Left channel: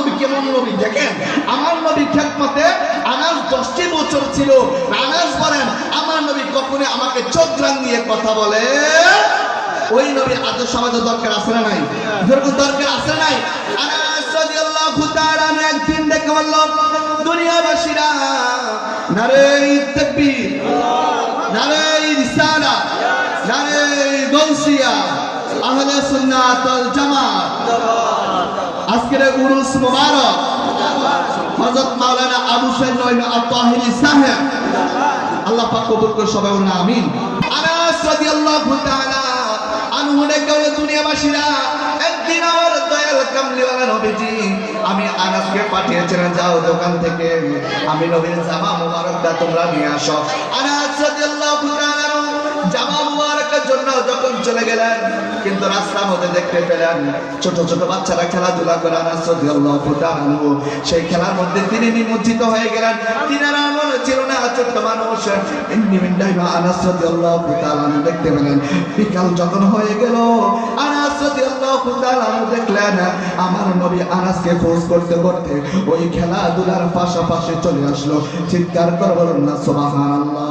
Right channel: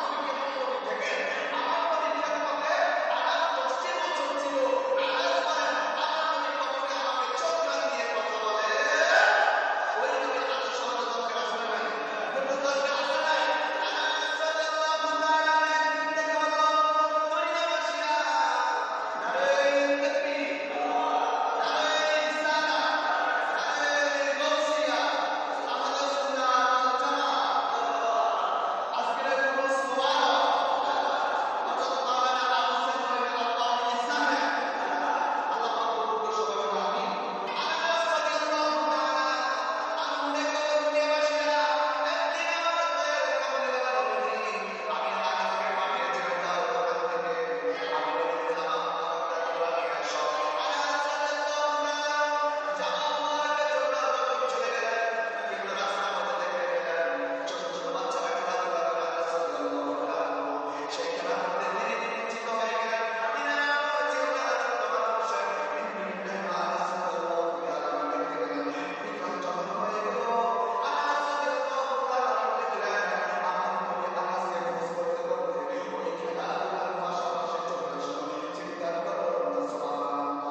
নবী কেমন নবী দেখেন। আমার নবী খেদমতে আনাস 10টি বছর ছিল। আনাস বলেন আমার নবী কখনো আমাকে চোখ রাঙিয়ে কথা বলে। ওই নবীর আদর্শ আমাদের দরকার আছে না নাই? যেরকম দরকার আছে নাই? আনাস রাদিয়াল্লাহু তাআলা একদিন দেখে বলল, দুনিয়াবাসীরা নারে তাকবীর, নারে রিসালাত, নারে গাউসিয়া, আহলে সুন্নাত ওয়াল জামাত। আজকের উরুস মুবারক হযরত মাওলানা আবু সাইদ নঈম আত-তাহিরি সাহেব, আল্লাহ পাক কবুল করে সবাই বলুন আমিন। আনাস রাদিয়াল্লাহু তাআলা আনহু ডেকে দুনিয়াবাসীরা, একদিন আমার দয়াল কামলিওয়ালা নবীজি আমি আনাসকে পাঠিয়েছিলেন, যাও দোকান থেকে আমি নবীর জামা মুবারকটা তোমরা নিয়ে আসো। আনাস রাদিয়াল্লাহু তাআলা জামা মুবারকের জন্য যখন চলে গেলেন, কিন্তু রাস্তার মধ্যে দেখতে পেলেন ছোট ছোট বাচ্চারা খেলাধুলা করে। আনাস রাদিয়াল্লাহু তাআলা সেই খেলার মধ্যে তিনি নিমজ্জিত হয়ে গেলেন। তিনারা ছিল না ছোট্ট মানুষ। আনাস রাদিয়াল্লাহু তাআলা দেখতে পেলেন বিকাল যখন হয়ে গেল, আনাস রাদিয়াল্লাহু তাআলা দেখলেন আমার নবী আনাসকে ফোর্স করতে করতে ওই খেলাধুলার পাশাপাশি চলে আসলো। চিৎকার করে বলুন না সুবহানাল্লাহ।